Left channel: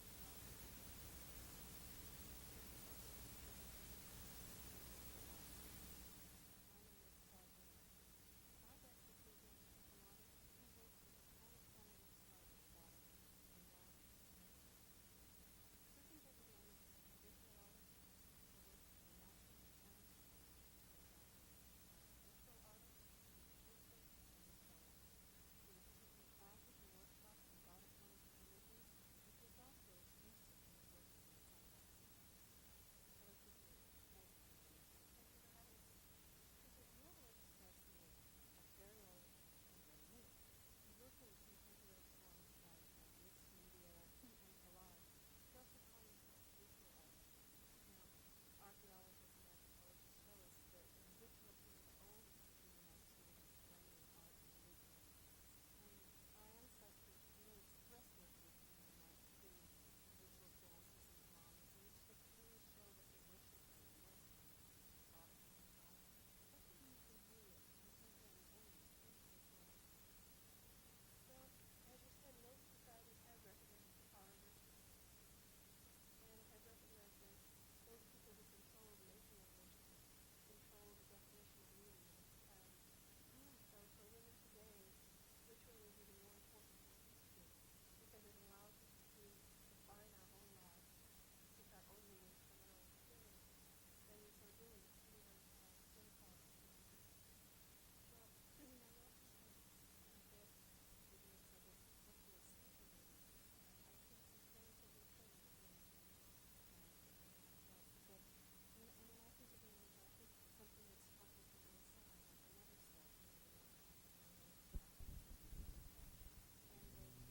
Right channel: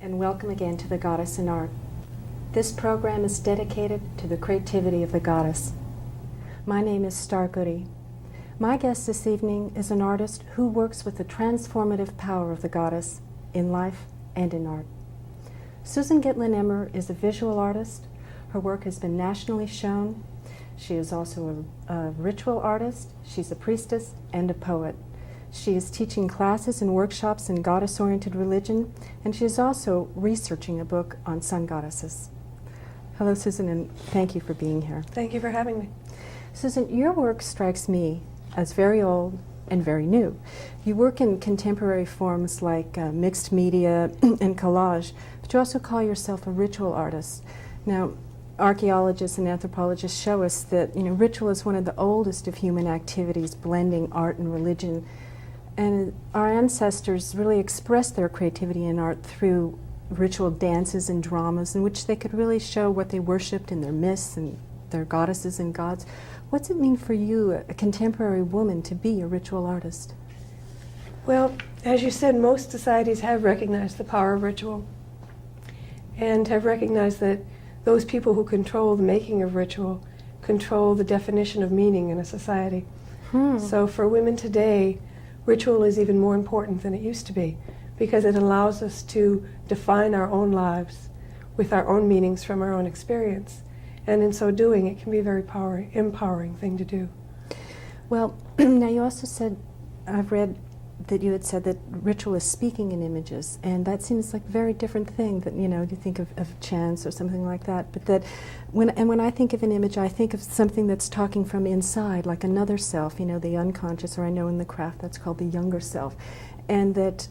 And welcome again to The Goddess in Art. This program is dedicated to the creativity of the goddess. My name is Starr Goode. My guest this evening is an artist who works with the transformative power of the goddess in life and in art. Susan Gitlin Emmer is a visual artist. Her work has been nationally shown. She is also a ritual artist. She's a priestess and a poet. She is teaching classes and workshops in goddess-oriented religion, and she is also researching a book on sun goddesses. Hello, Susan, and thank you for being here. Thank you for having me. Susan, your work strikes me as very old and very new. You work in contemporary forms like mixed media and collage, but you also call yourself a ritual artist. Now, archaeologists and anthropologists show us that ritual is one of the oldest of human activities, blending art and religion. And our ancestors really expressed their creativity in art through ritual dances and dramas in which they could really show what they worshipped in their myths and their goddesses and gods. What's it mean for you, a contemporary woman, to be a ritual artist? Well, as you said, most societies have recognized the power of ritual and have recognized that those people who control the making of ritual control the definition of meaning in a society. So for women today, ritual is even more important than it used to be because it allows us to define our own lives with our own meanings from our own experience. And in so doing, it can be a very empowering thing to do. Well, now you also said, I've read that you had said that ritual is speaking in images, and that seems like a very different thing that, you think of chants or something like that, but that when I think of an image, I think of something that's talking from inside, like another self, the unconscious, or I know in the craft that's called the younger self, and that,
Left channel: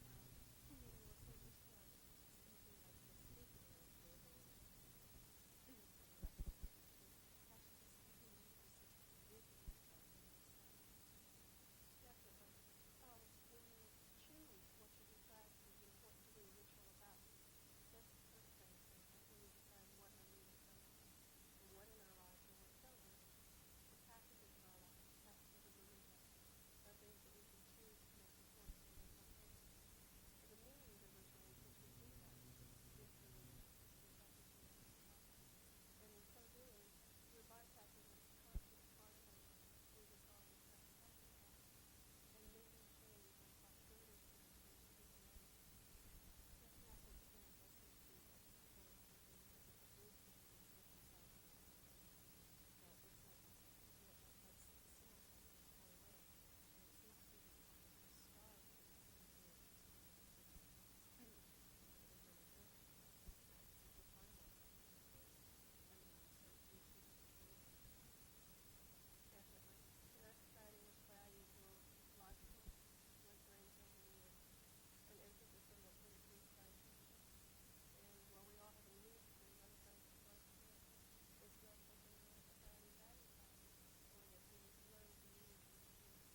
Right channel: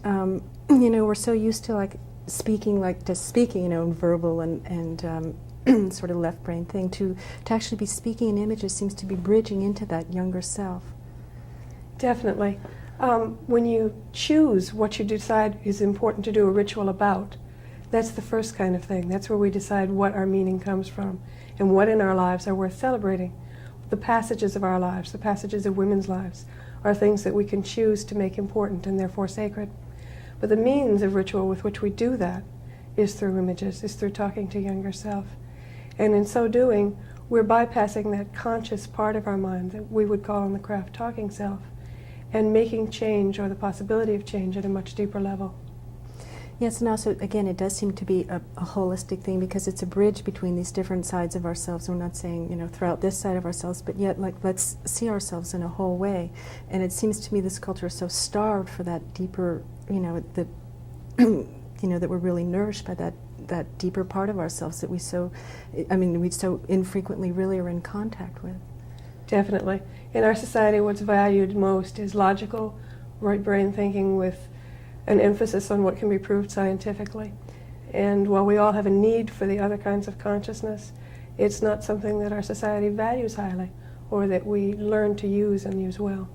we're so used to speaking, verbal and sort of left brain thing, to actually be speaking in images seems to be bridging into that younger self. Definitely. When you choose what you decide is important to do a ritual about, that's the first kind of thing. That's where we decide what our meaning comes from and what in our lives are worth celebrating. The passages of our lives, the passages of women's lives, are things that we can choose to make important and therefore sacred. But the means of ritual with which we do that is through images, is through talking to younger self. And in so doing, we're bypassing that conscious part of our mind that we would call in the craft talking self, and making change or the possibility of change at a much deeper level. Yes, and also, again, it does seem to be a holistic thing because it's a bridge between these different sides of ourselves. We're not saying, throughout this side of ourselves, but yet, let's see ourselves in a whole way. And it seems to me this culture is so starved for that deeper, that we're really nourished by that deeper part of ourselves that we so infrequently really are in contact with. Definitely. In our society, what's valued most is logical, right brain thinking with an emphasis on what can be proved scientifically. And while we all have a need for the other kinds of consciousness, it's not something that our society values highly or that we learn to use and use well.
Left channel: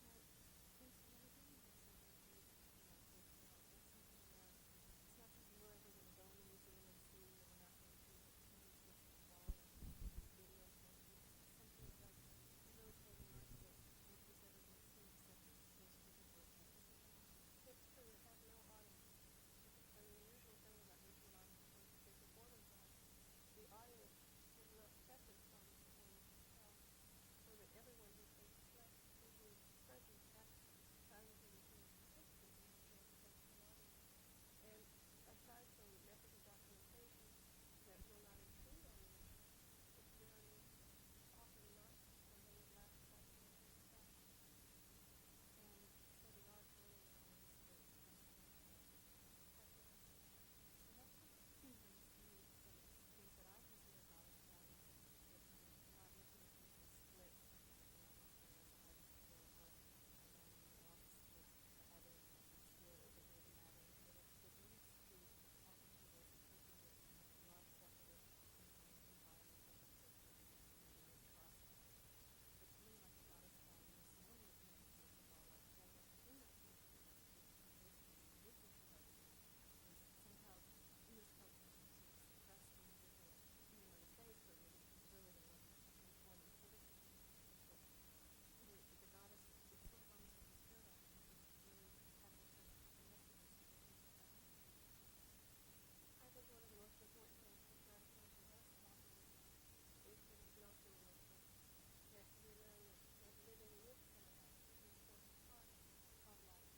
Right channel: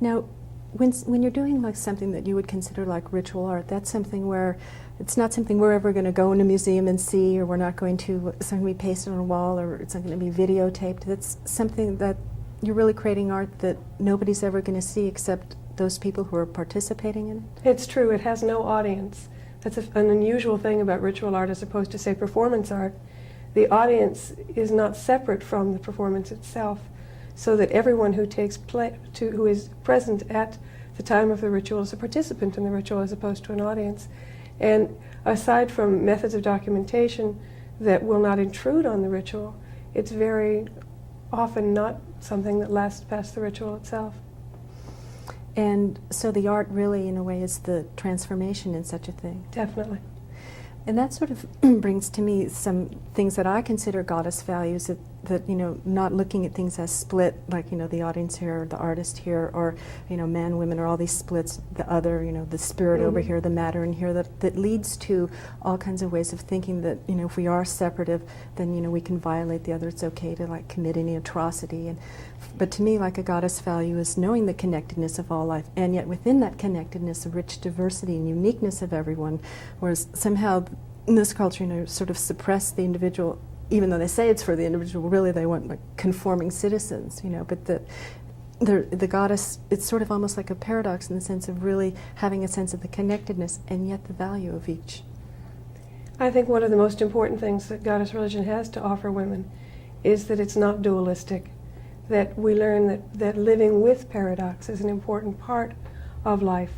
Now, when you're doing something that you would consider like ritual art, that's something where it's not something we're ever going to go in a museum and see, or we're not going to, it's not going to be pasted on a wall, or it's not going to be videotaped. That's something that you're really creating art that nobody's ever going to see except those people who are participating in it? It's true, it has no audience. That's an unusual thing about ritual art as opposed to, say, performance art. The audience is not separate from the performance itself, so that everyone who who is present at the time of the ritual is a participant in the ritual as opposed to an audience. And aside from methods of documentation that will not intrude on the ritual, it's very often not something that lasts past the ritual itself. And so the art really, in a way, is the transformation in such a thing. Definitely. And that sort of brings to me some things that I consider goddess values, that, you know, not looking at things as split, like, you know, the audience here, or the artist here, or, you know, man, women, or all these splits, the other, you know, the spirit over here, the matter in here, that leads to all kinds of ways of thinking that, you know, if we are separative, then, you know, we can violate the other. It's okay to, like, commit any atrocity. But to me, like, a goddess value is knowing the connectedness of all life, and yet within that connectedness, a rich diversity and uniqueness of everyone, whereas somehow in this culture, you know, sort of suppress the individual, even though they say it's for the individual, really they want, like, conforming citizens, you know. But the goddess, it's sort of almost like a paradox in the sense of really having a sense of the connectedness and yet the value of each. I think one of the most important things that goddess religion has to offer women is that it's not dualistic, that we learn that living with paradox is an important part of life,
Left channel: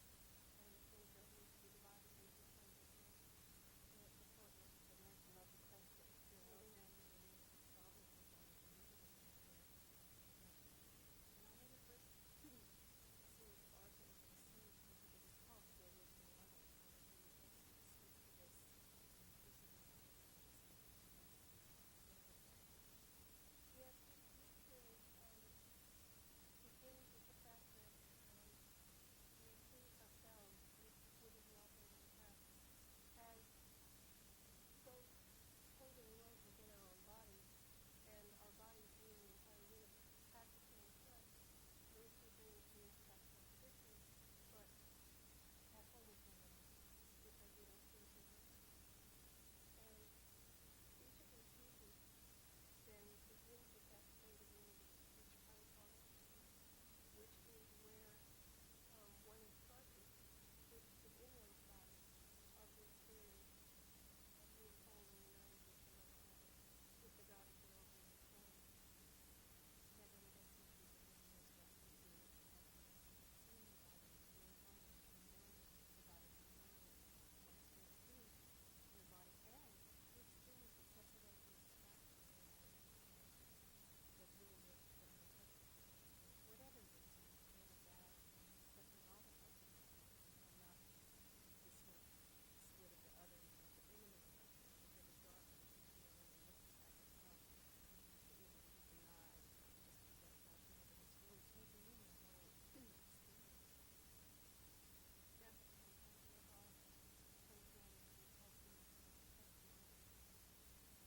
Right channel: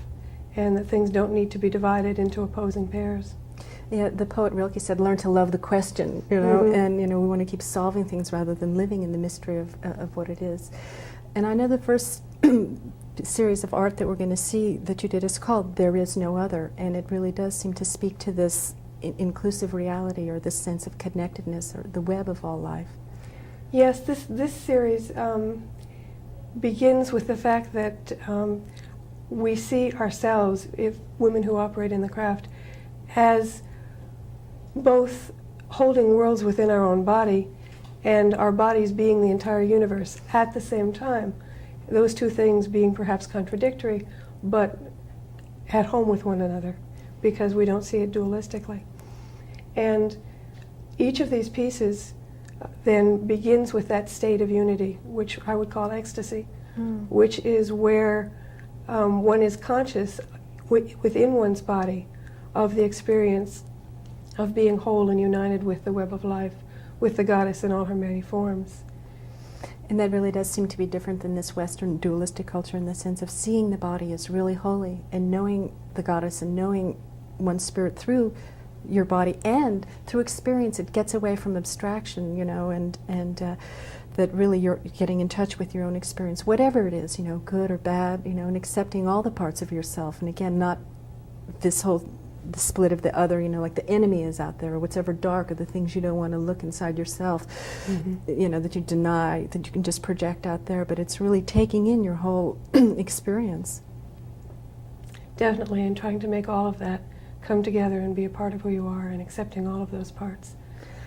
and that things don't need to be divided into opposing pairs. Yeah, the poet Rilke said, learn to love the question, you know, and, you know, we want to keep solving things rather than living in the mystery of what it is. And I know the first series of art that we're going to see that you did is called There Is No Other, and it really does seem to speak to this inclusive reality, or this sense of connectedness, or the web of all life. Yes, this series begins with the fact that we see ourselves, if women who operate in the craft, as both holding worlds within our own body and our bodies being the entire universe at the same time. Those two things being perhaps contradictory, but at home with one another, because we don't see it dualistically. And each of these pieces then begins with that state of unity, which I would call ecstasy, which is where one is conscious within one's body of the experience of being whole and united with the web of life, with the goddess in all her many forms. And that really does seem to be different than this Western dualistic culture, in the sense of seeing the body as really holy, and knowing the goddess and knowing one's spirit through your body, and through experience. It gets away from abstraction, you know, and that really you're getting in touch with your own experience, whatever it is, you know, good or bad, you know, and accepting all the parts of yourself. And again, not this whole the split of the other, you know, like the enemy is out there, or what's ever dark, or the things you don't want to look inside yourself, you know, that you deny, that you can just project out there. But it's really taking in your whole experience. Definitely, and trying to make all of that come together and be a part of who you are, and accepting all of those parts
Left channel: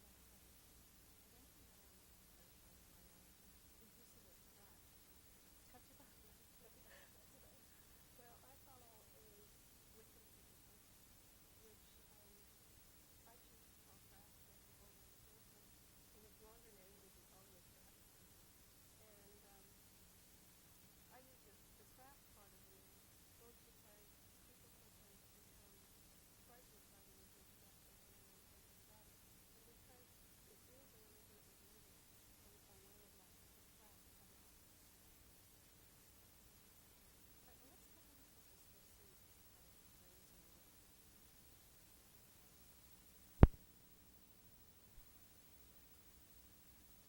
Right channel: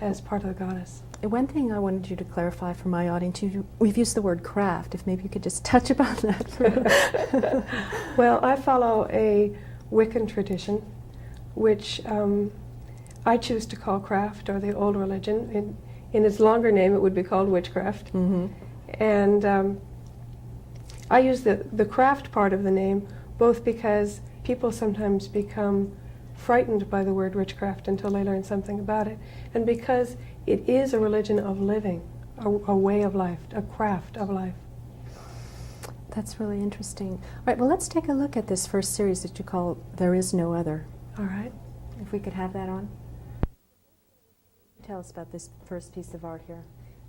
as part of the goddess. One thing I wanted you to clarify for my audience, we've used the word craft, if maybe you could just touch upon that for Well, I follow a Wiccan tradition, which I choose to call craft, or the old religion. In its longer name, it would be called witchcraft. And I use the craft part of the name both because people sometimes become frightened by the word witchcraft until they learn something about it, and because it is a religion of living, a way of life, a craft of life. That's really interesting. All right, well, let's take a look at this first series that you call There Is No Other. All right. If we could have that on. Tell us about this first piece of art here.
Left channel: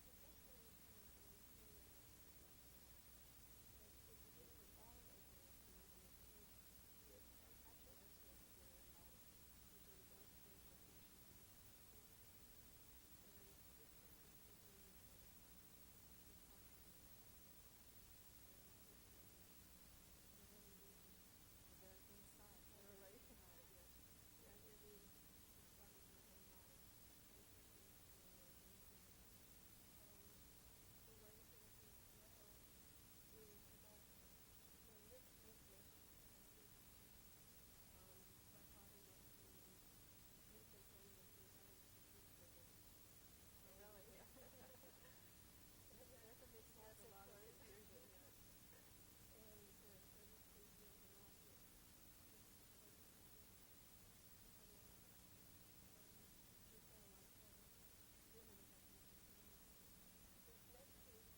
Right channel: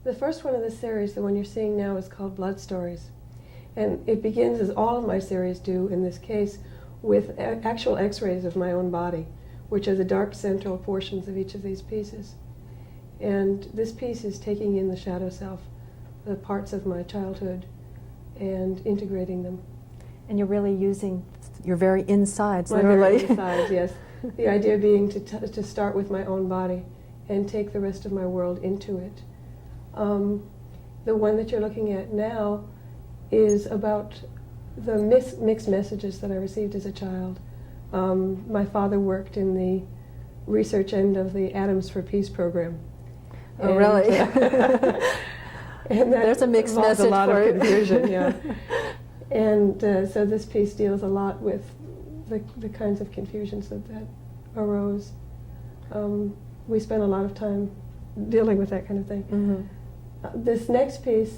The first one of the series, the one you're seeing now, is called Blood Stories. And it begins, as all of my series do in this case, with actual x-rays of my own body, which are the dark central portions of each of these pieces. And this piece is taking in the shadow self, the parts of my childhood, and integrating them. And you're really using your very insides, My literally. very insides, yes. The idea being to start with my own body and take the rest of my world into it. The one that you're looking at now is about the mixed messages that I received as a child. My father worked in the research end of the Atoms for Peace program. Oh, really? And that There's a mixed involves message a lot for of it. confusion, yeah. And so this piece deals a lot with the kinds of confusions that arose. We spent a lot of time dealing with that kind of thing. This next piece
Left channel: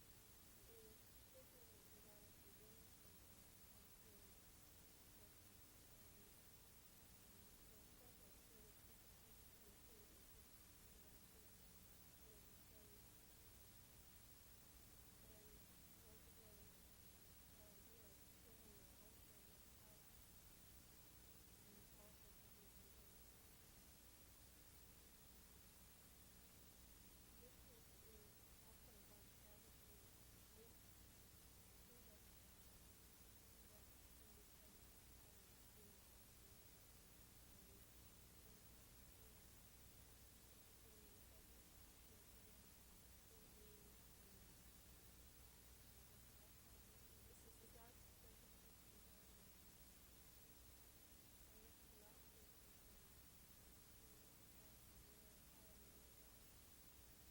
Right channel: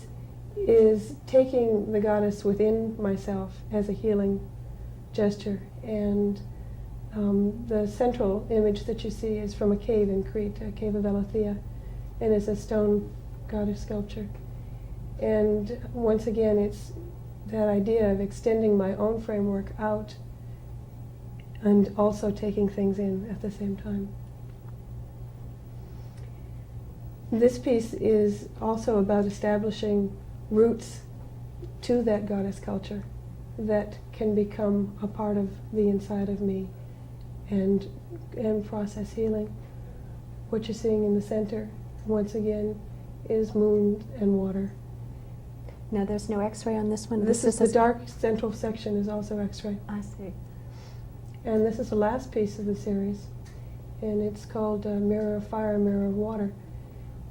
is taking the goddess within myself as a healing gesture. And the central image that you see is from a cave in Crete, a cave of Elathea, and it's a stone goddess sculpture. And once again, it's that idea of extending my own framework out and also taking things in at the same time. This piece is also about establishing roots to that goddess culture that can become a part of the inside of me and process healing. What you're seeing in the center, once again, is moon and water. Now there's no X-ray on this one? This is the dark central section is also X-ray. I see. And this is the last piece of the series, and it's called Mirror of Fire, Mirror of Water,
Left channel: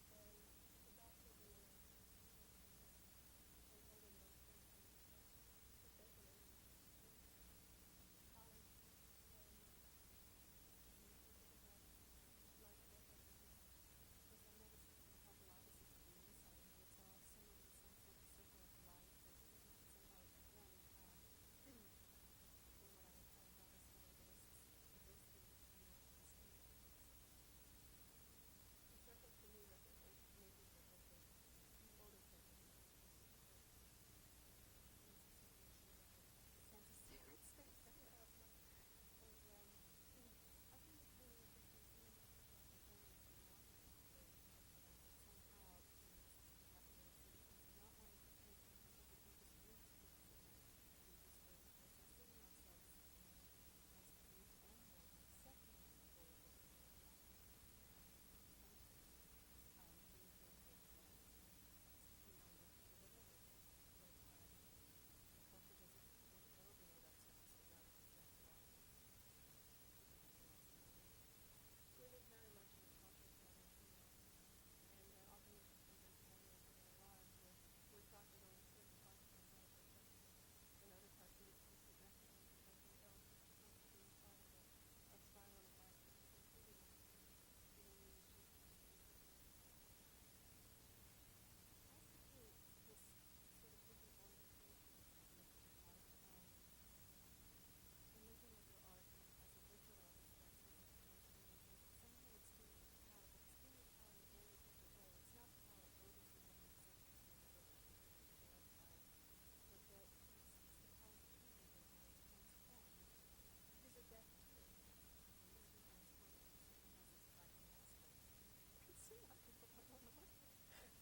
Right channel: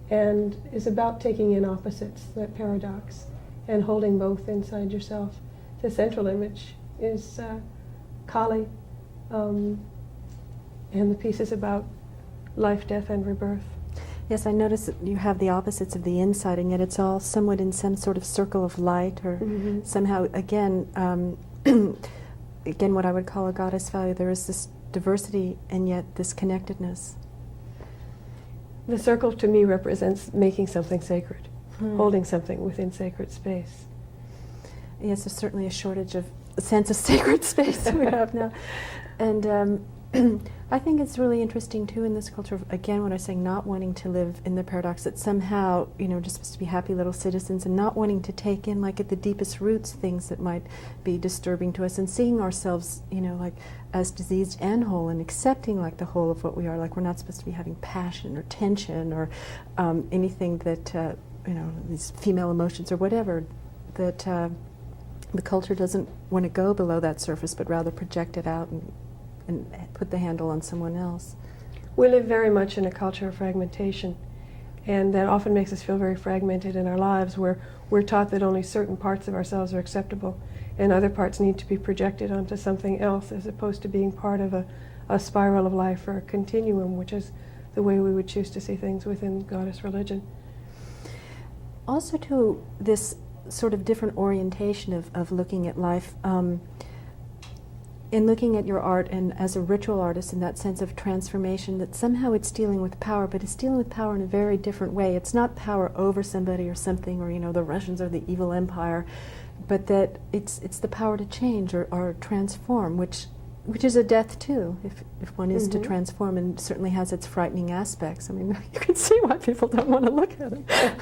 and is about taking in opposites, that paradox, and holding both inside yourself. The central image is Kali, and the piece is about life, death, and rebirth. Yes, I noticed that you have the opposites of the inside, and yet it's all somewhat in some sort of circle of light, or somehow, again, again, what I would call a goddess value. There is this diversity and yet this connectedness. The circle to me represents making something sacred, holding something within sacred space. Yes, there's certainly a shortage of a sense of sacred space we have now. And I think it's really interesting too in this culture, again, what I was saying, not wanting to live in the paradox that somehow, just supposed to be happy little citizens, and not wanting to take in, like at the deepest roots, things that might be disturbing to us, and seeing ourselves, like as diseased and whole, and accepting like the whole of what we are. Like we're not supposed to be having passion or tension or anything that, these female emotions or whatever, that the culture doesn't want to go below that surface, but rather project it out and put the handle on someone else. We live very much in a culture of fragmentation, and that often makes us feel very fragmented in our lives, where we're taught that only certain parts of ourselves are acceptable and other parts need to be projected onto something else, as opposed to being part of a spiral of life or a continuum, which is the way we would choose to see things within goddess religion. Also to this sort of different orientation of looking at life, in looking at your art and as a ritual artist, in that sense of transformation, that somehow it's dealing with power, but it's dealing with power in a very different way. It's not power over somebody or something, or the Russians are the evil empire, but that it's the power to change or transform, which is a death too, if one is to transform, and certainly has its frightening aspects. I mean, you can see why people don't want to look at it.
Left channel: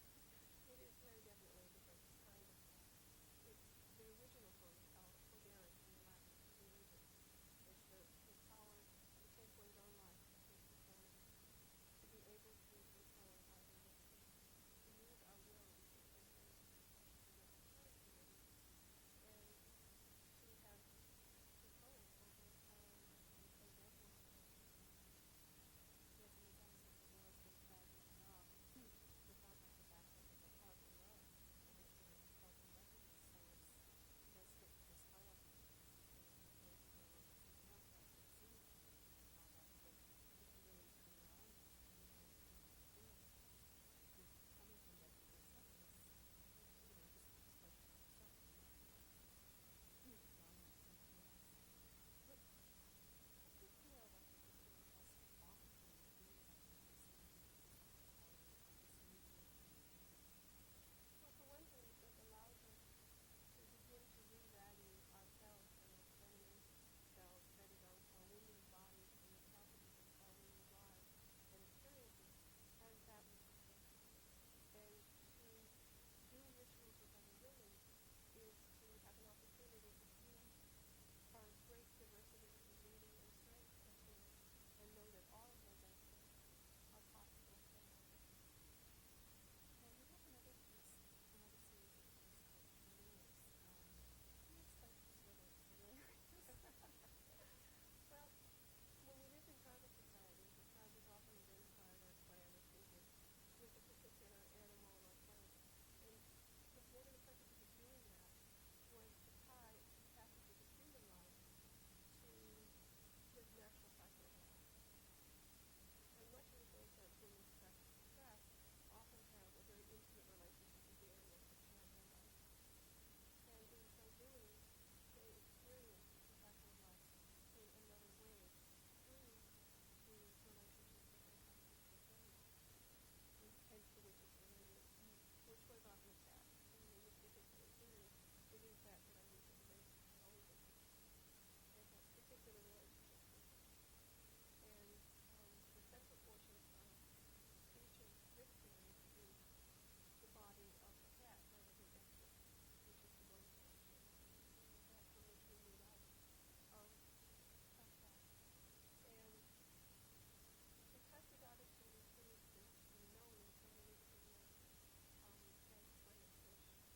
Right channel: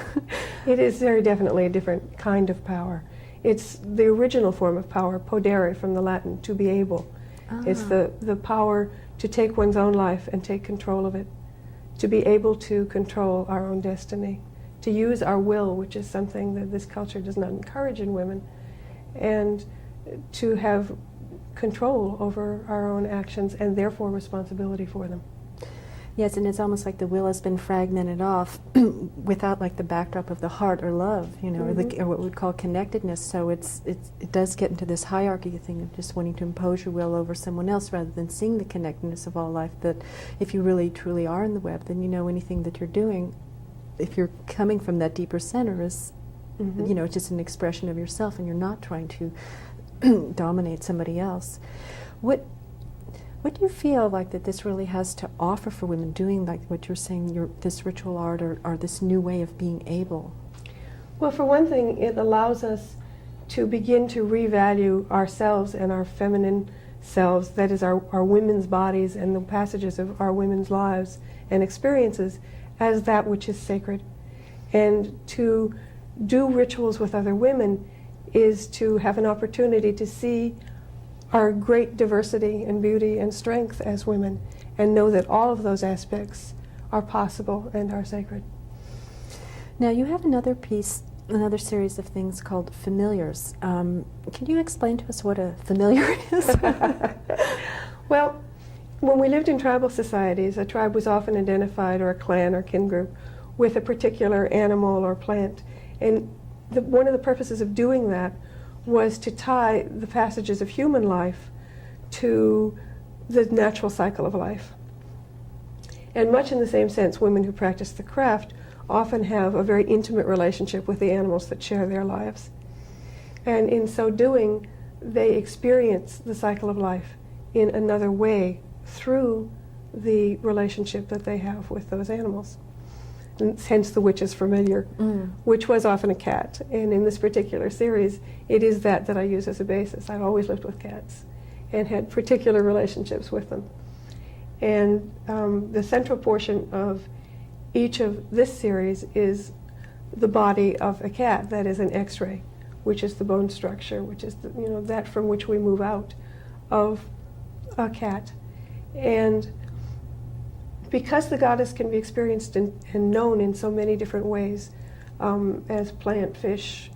It is very definitely a different kind of power. It's the original form of power, podere from the Latin, to be able. It's the power to take one's own life and take control of it, to be able to control our own destiny, to use our will, which is something that this culture does not encourage in women, and to have control over our own actions and therefore responsibility for them. Yes, and it's almost like the will has been fragmented off without like the backdrop of the heart or love, or what we would call connectedness. So it does get into this hierarchy thing of just wanting to impose your will over someone else rather than seeing the connectedness of all life, that if you really truly are in the web, then anything that you're doing, if you're coming from that deeper center, is it's just an expression of yourself, and you're not trying to dominate somebody else. What do you feel like that this really has to offer for women, doing like what you're saying, this ritual art or this new way of being able? Well, for one thing, it allows us to begin to revalue ourselves and our feminine selves, that is our women's bodies and the passages of our women's lives and experiences, as that which is sacred. And to do rituals with other women is to have an opportunity to see our great diversity and beauty and strength as women, and know that all of those aspects are possible and are sacred. Now you have another series of things called familiars. Can you explain to us what a familiar is? Well, when we lived in tribal societies, a tribe was often identified, or a clan or kin group, with a particular animal or plant. And one of the purposes of doing that was to tie the passages of human life to the natural cycle of life. And much in the same sense, women who practice the craft often have a very intimate relationship with the animals that share their lives. And in so doing, they experience the cycle of life in another way through the relationship that they have with those animals. And hence the witch's familiar, which was often a cat. And in this particular series, it is that I use as a basis. I've always lived with cats and had particular relationships with them. And the central portion of each of this series is the body of a cat. That is an X-ray, which is the bone structure, which is the, that from which we move out of a cat. And because the goddess can be experienced and known in so many different ways, as plant, fish,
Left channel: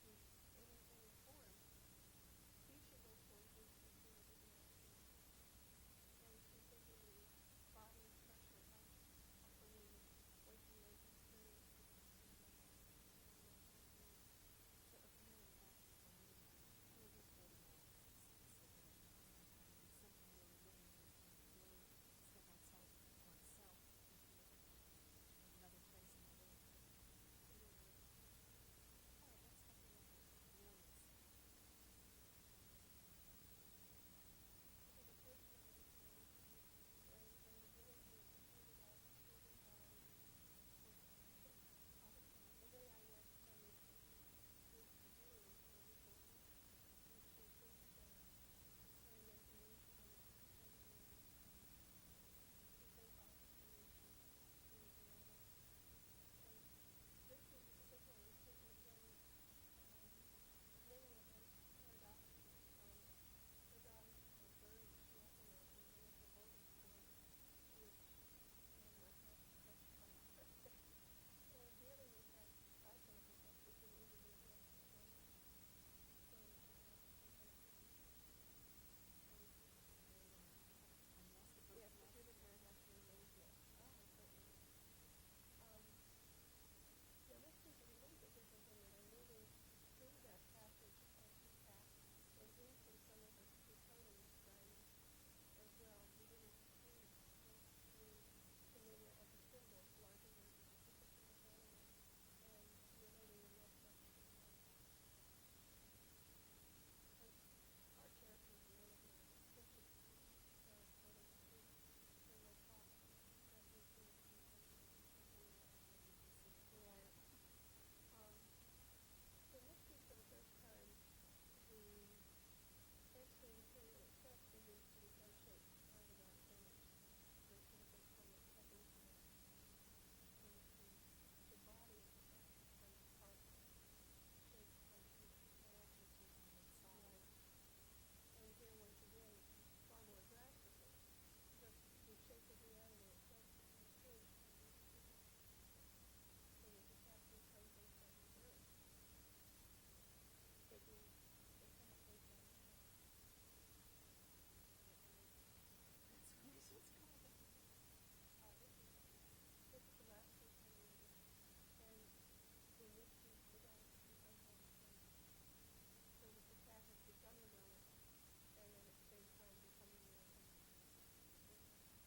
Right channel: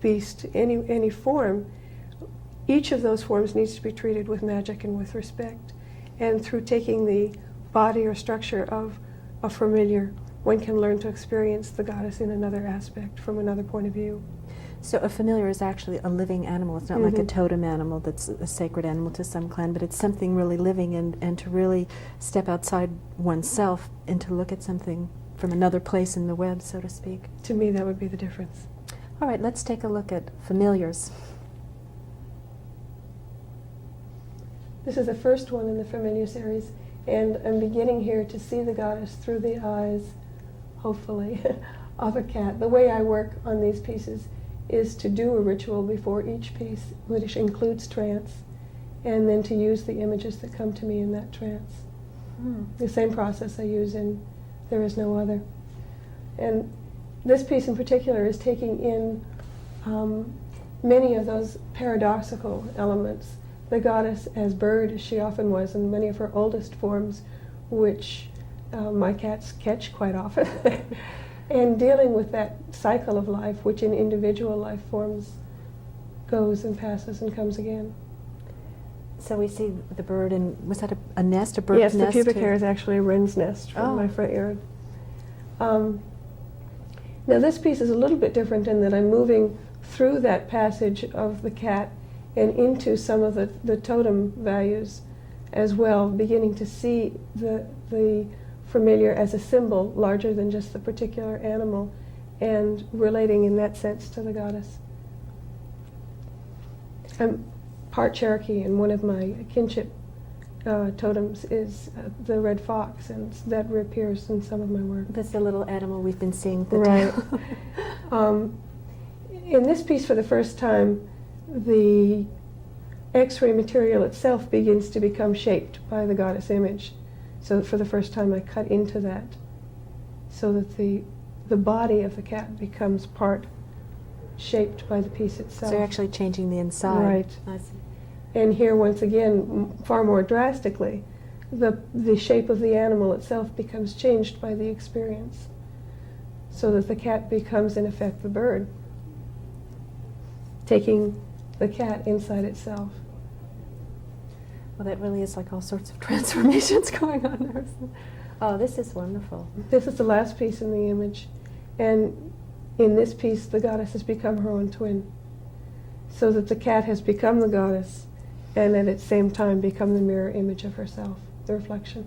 beast, any form, each of those forms needs to be treated with magic and with respect. And through taking the body or structure of a familiar, one can learn to experience the goddess in another aspect, from another point of view. So a familiar is actually a living animal. It's not like a totem animal that's a sacred animal to some clan, but it's something really living, and to really step outside oneself and to look at something from another place in the web, so to speak. To me, that would be the difference. All right, let's take a look at familiars. This is the first one in the familiar series, and I'm beginning here to see the goddess through the eyes, hopefully, of a cat. The way I work on these pieces is to do a ritual before each piece, which includes trance, and then to use the images that come to me in that trance. The same process I use in There Is No Other. And this piece in particular is taking in many of those paradoxical elements. The goddess as bird, as she often was in many of her oldest forms, which my cats catch quite often. And dealing with that cycle of life, which in individual life forms goes and passes and comes again. So we see the bird, and was that a nest, a bird's nest? Yes, the pubic hair is actually a wren's nest from my front yard. Now this piece is a little bit different in that I'm moving through that passage of the cat and into some of the totem values as well, beginning to see the familiar as a symbol larger than just the particular animal, and relating in that sense to the goddess. I'm part Cherokee, and one of my kinship totems is the red fox, and that reappears in some of my work. That's the little animal we've been seeing. Right. In this piece, for the first time, the X-ray material itself begins to become shaped by the goddess image. So for the first time I cut into that, so that the body of the cat becomes part shaped by the piece itself. So you're actually changing the inside. Right. I see. And here, once again, far more drastically, the shape of the animal itself becomes changed by the experience, so that the cat becomes, in effect, the bird, taking the cat inside itself. Well, that really is like all sorts of transformations going on there. Oh, this is wonderful. This is the last piece in the image, and in this piece the goddess has become her own twin, so that the cat has become the goddess and at the same time become the mirror image of herself, the reflection.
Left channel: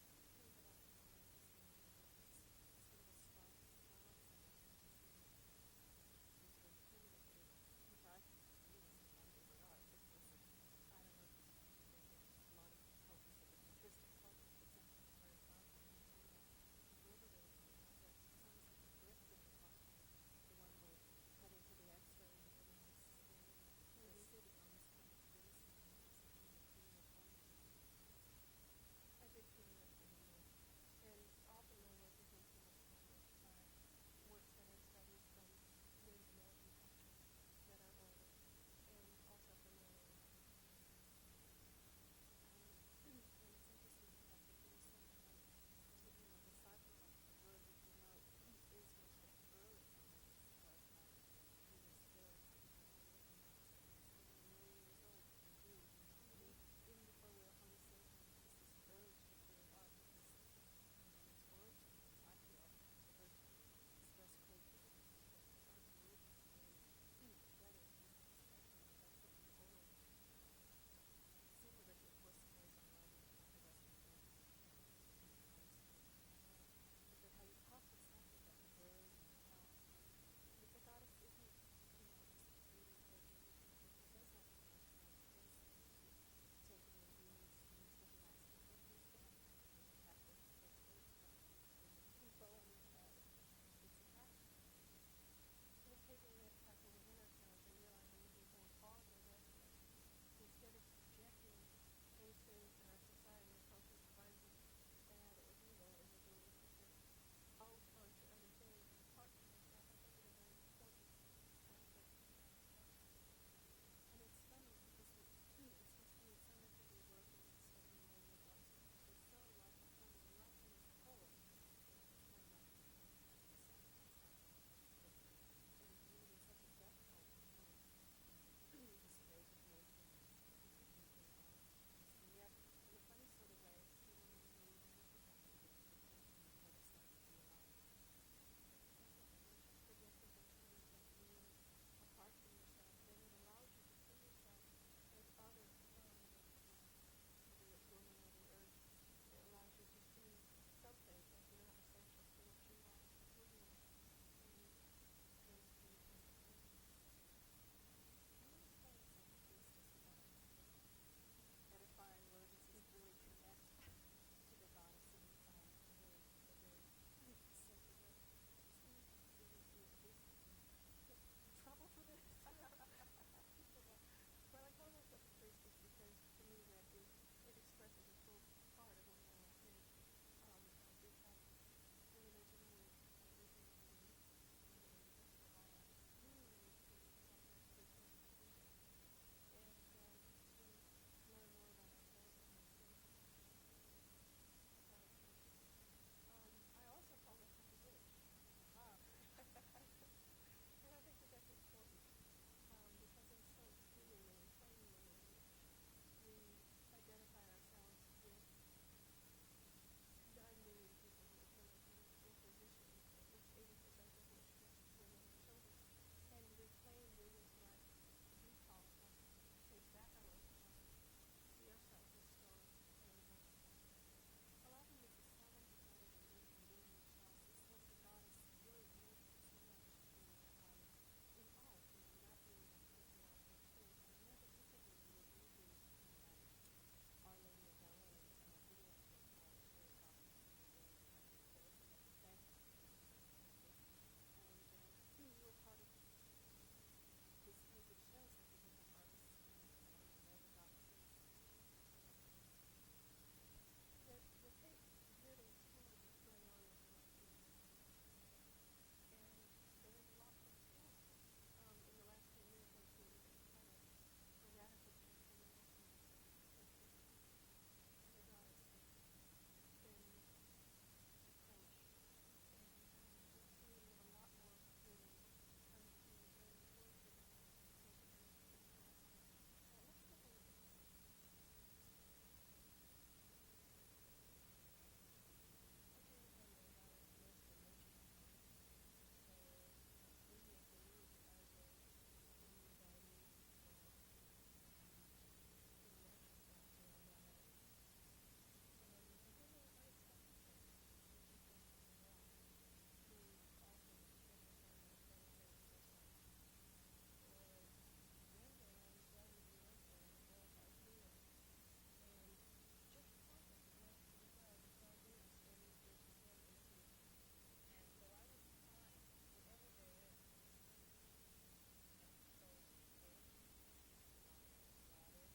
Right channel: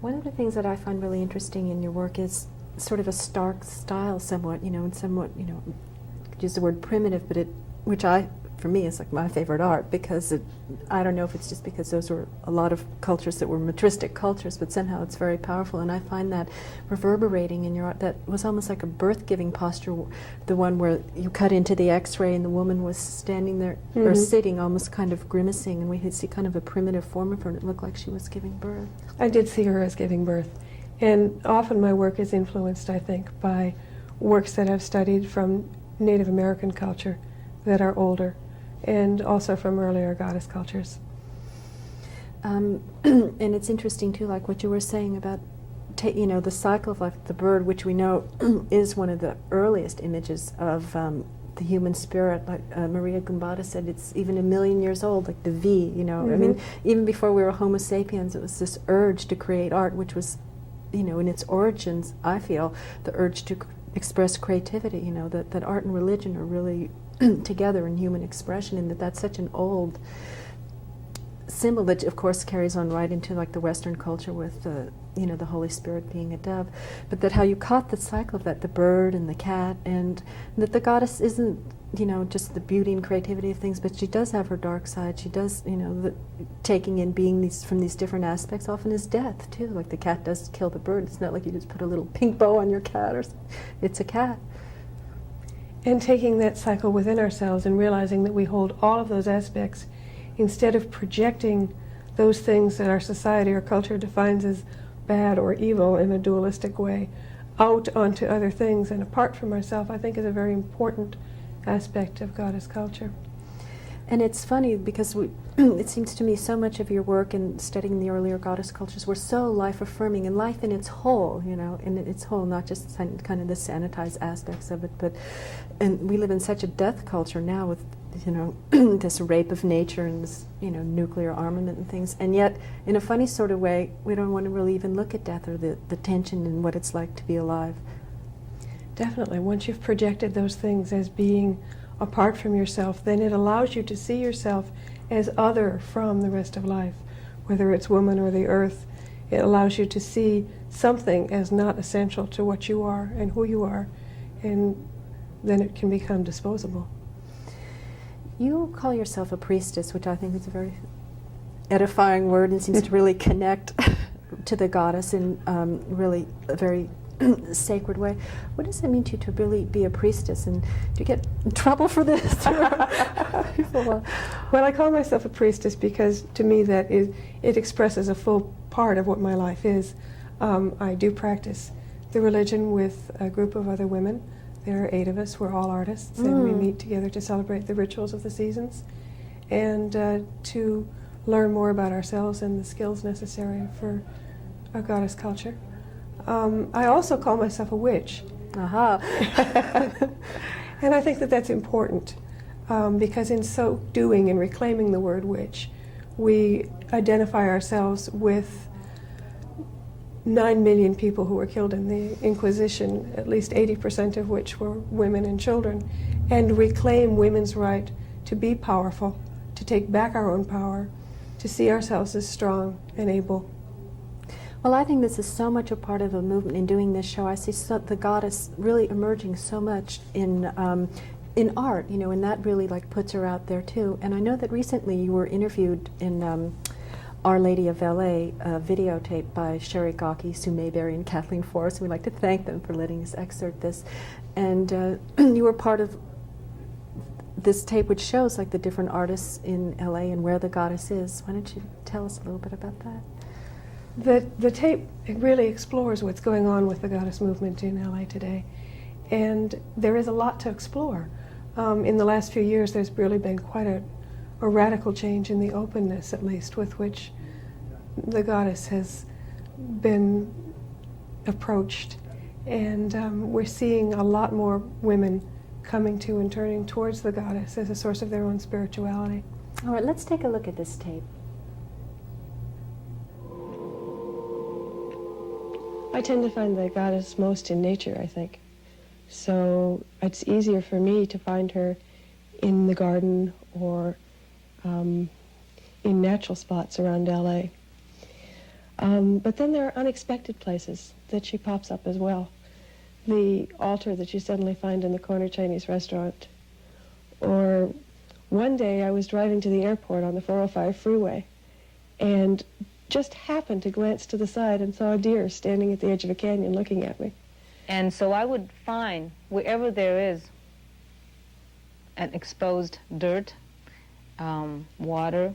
One of the things that I find really interesting in your work is sort of a stark style somewhat, and somewhat, could use the word primitive, but which for me is like my favorite art, because I don't know if it's just because those were a lot of cultures that were matristic cultures, but somehow it's very powerful, and I find that reverberating in your art. That was almost like a birth-giving posture, the one where you cut into the X-ray and the woman was standing there, or sitting, almost kind of grimacing, and we could see kind of a primitive form of her, and it looked like she was giving birth. I did see her as giving birth, and often my work is influenced, I think, by works that I've studied from Native American culture that are older, and also from earlier goddess cultures. And it's interesting too, like what you were saying about, the cycle of life, the bird, which we know is one of the earliest images of the human spirit. Like Maria Gumbada said, it's even 1 million years old, like the V, I mean, even before we were Homo sapiens, it was this urge to create art, which was, in its origins, I feel, the urge to express creativity, that art and religion are really together in human expression, and that's such an old symbol that of course carries on right into like the Western culture with the Holy Spirit being a dove, but that how you caught the cycle of that, the bird and the cat, and that the goddess isn't just the beauty and creativity of things, but she does have her dark side. She does, the taking in being from these different aspects often is death too. Like the cat does kill the bird. It's not like you just put a little pink bow on your cat or something. It's a cat. And taking that cycle within ourselves and realizing that we hold all of those aspects, instead of projecting those things that our society or culture defines as bad or evil in a dualistic way out onto other things and apart from ourselves, I think is a very important aspect of goddess culture. And it's funny because it seems to me so much of your work in studying the earlier goddess cultures were so life-affirming, and life in its whole, in its whole, not just kind of the sanitized aspects of it, and we live in such a death culture now with, this rape of nature and this, nuclear armament and things, and yet, in a funny sort of way, we don't want to really even look at death or the tension and what it's like to be alive. Definitely. Once you've projected those things as being apart from yourself, then it allows you to see yourself as other from the rest of life, whether it's woman or the earth. It allows you to see something as not essential to what you are and who you are, and then it can become disposable. You call yourself a priestess, which I think is a very edifying word and seems to really connect to the goddess in really a very sacred way. What does it mean to you to really be a priestess, and do you get in trouble for this? Well, I call myself a priestess because to me it expresses a full part of what my life is. I do practice the religion with a group of other women. There are 8 of us. We're all artists, and we meet together to celebrate the rituals of the seasons and to learn more about ourselves and the skills necessary for a goddess culture. I also call myself a witch. Aha. And I think that that's important because in so doing and reclaiming the word witch, we identify ourselves with 9 million people who were killed in the Inquisition, at least 80% of which were women and children, and reclaim women's right to be powerful, to take back our own power, to see ourselves as strong and able. Well, I think this is so much a part of a movement in doing this show. I see the goddess really emerging so much in art, and that really puts her out there too. And I know that recently you were interviewed in Our Lady of LA, a videotape by Sherry Gawkey, Sue Mayberry, and Kathleen Forrest. We'd like to thank them for letting us excerpt this. And you were part of this tape, which shows the different artists in LA and where the goddess is. Why don't you tell us a little bit about that? The tape really explores what's going on with the goddess movement in LA today. And there is a lot to explore. In the last few years, there's really been quite a radical change in the openness, at least, with which the goddess has been approached. And we're seeing a lot more women coming to and turning towards the goddess as a source of their own spirituality. All right, let's take a look at this tape. I tend to find the goddess most in nature, I think. So it's easier for me to find her in the garden or in natural spots around LA. But then there are unexpected places that she pops up as well. The altar that you suddenly find in the corner Chinese restaurant. Or one day I was driving to the airport on the 405 freeway and just happened to glance to the side and saw a deer standing at the edge of a canyon looking at me. And so I would find wherever there is an exposed dirt, water,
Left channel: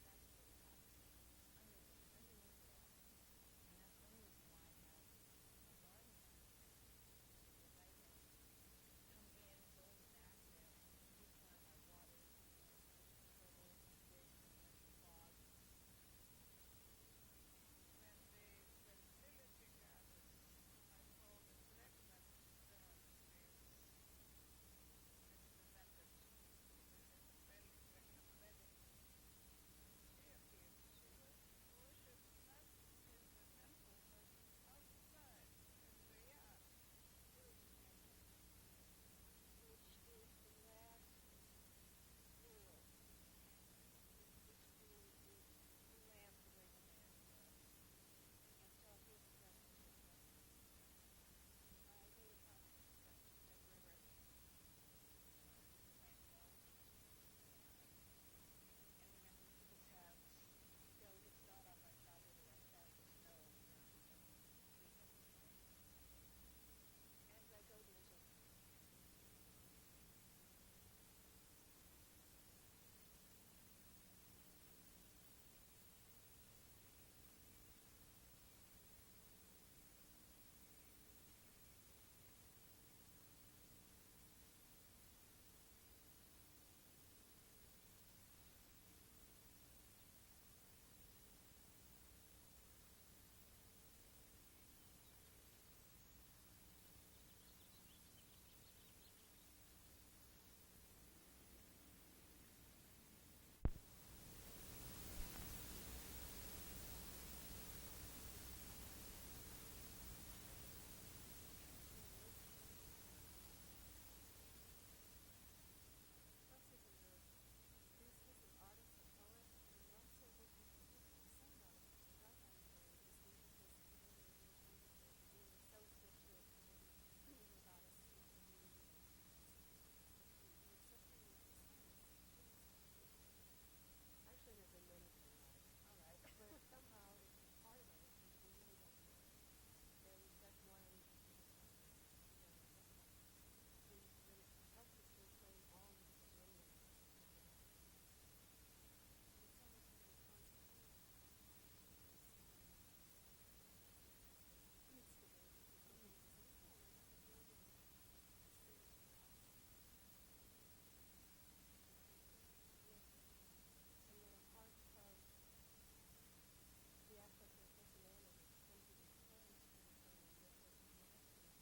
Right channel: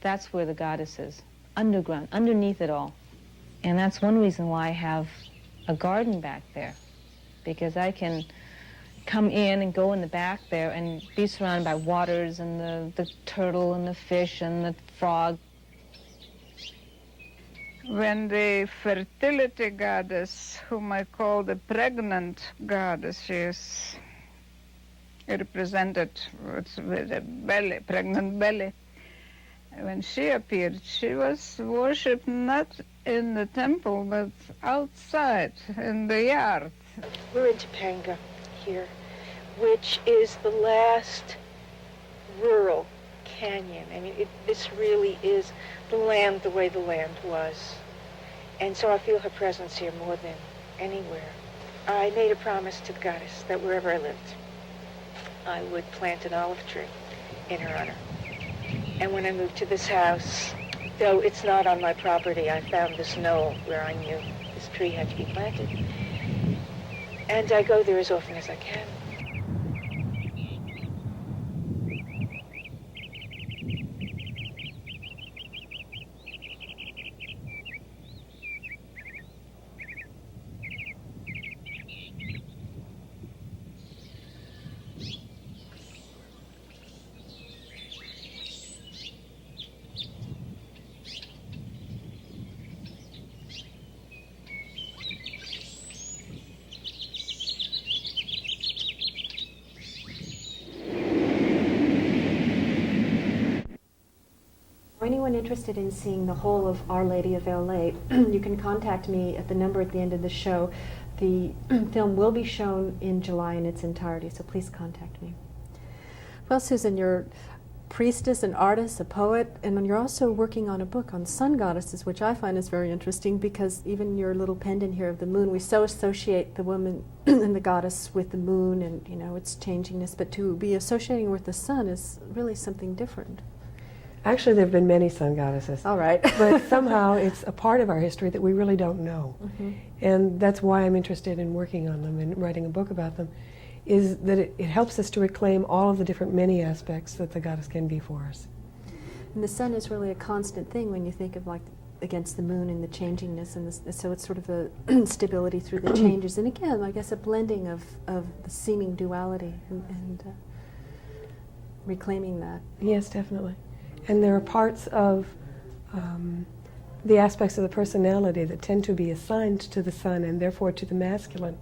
that's where the goddess is, underground, underneath it all. And that's one reason why I have a garden back there, because I can come in and go in the back there and be surrounded by waters and the turtle and the fish and the frog. When the fertility goddess, whom I call the pregnant goddess, she is represented with a belly, pregnant belly. When she appeared, she was worshipped not in the temple, but outside, in the yard. We're in Topanga here, which is the last rural canyon. I mean, this really is the land the way the land was. And so I feel her presence here more than anywhere. I made a promise to the goddess that wherever I lived, I would plant an olive tree in her honor. And when I moved to this house, though it's not on my property, I found this knoll where I knew this tree had to be planted. And I go there as often as I can. anyone interested in seeing the whole of Our Lady of LA, you can contact me at the number at the end of the show. The film will be shown in July in its entirety, so please contact me. Well, Susan, you're priestess, an artist, a poet, and you're also working on a book on sun goddesses, which I find is very interesting because even your little pendant here of the moon, we so associate the woman and the goddess with the moon and, you know, its changingness, but to be associating with the sun is really something different. Actually, there have been many sun goddesses. All right. But somehow it's a part of our history that we really don't know. Mm-hmm. And that's why I'm interested in working on them and writing a book about them, is that it helps us to reclaim all of the different many aspects that the goddess can be for us. And the sun is really a constant thing when you think of, like, against the moon and the changingness, and so it's sort of the stability through the changes. And again, I guess a blending of the seeming duality and reclaiming that. Yes, definitely. And there are parts of the aspects of the personality that tend to be assigned to the sun and therefore to the masculine,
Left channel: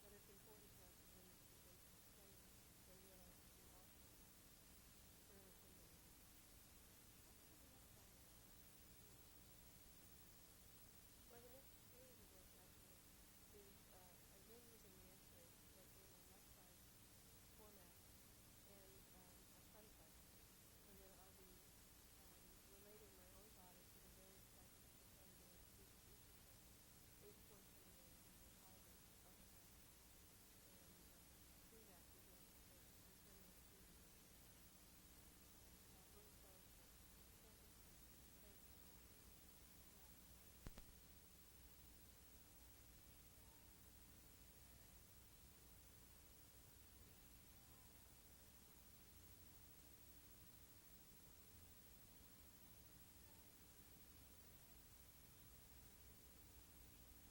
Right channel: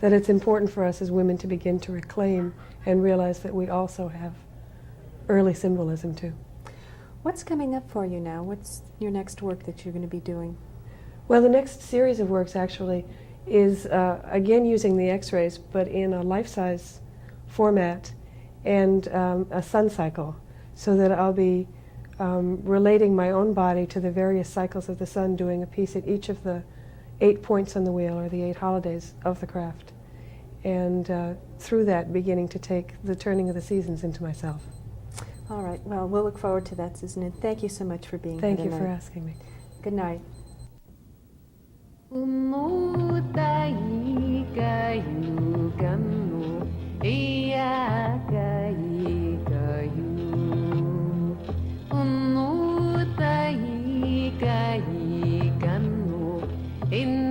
that it's important for us as women to begin to reclaim and realize that we also have early symbolism too. What's coming up for you now? What's your next work that you're going to be doing? Well, the next series of works actually is again using the X-rays, but in a life-size format and a sun cycle, so that I'll be relating my own body to the various cycles of the sun, doing a piece at each of the 8 points on the wheel, or the 8 holidays of the craft, and through that beginning to take the turning of the seasons into myself. All right. Well, we'll look forward to that, Susan, and thank you so much for being Thank here you tonight. for asking me. Good night. In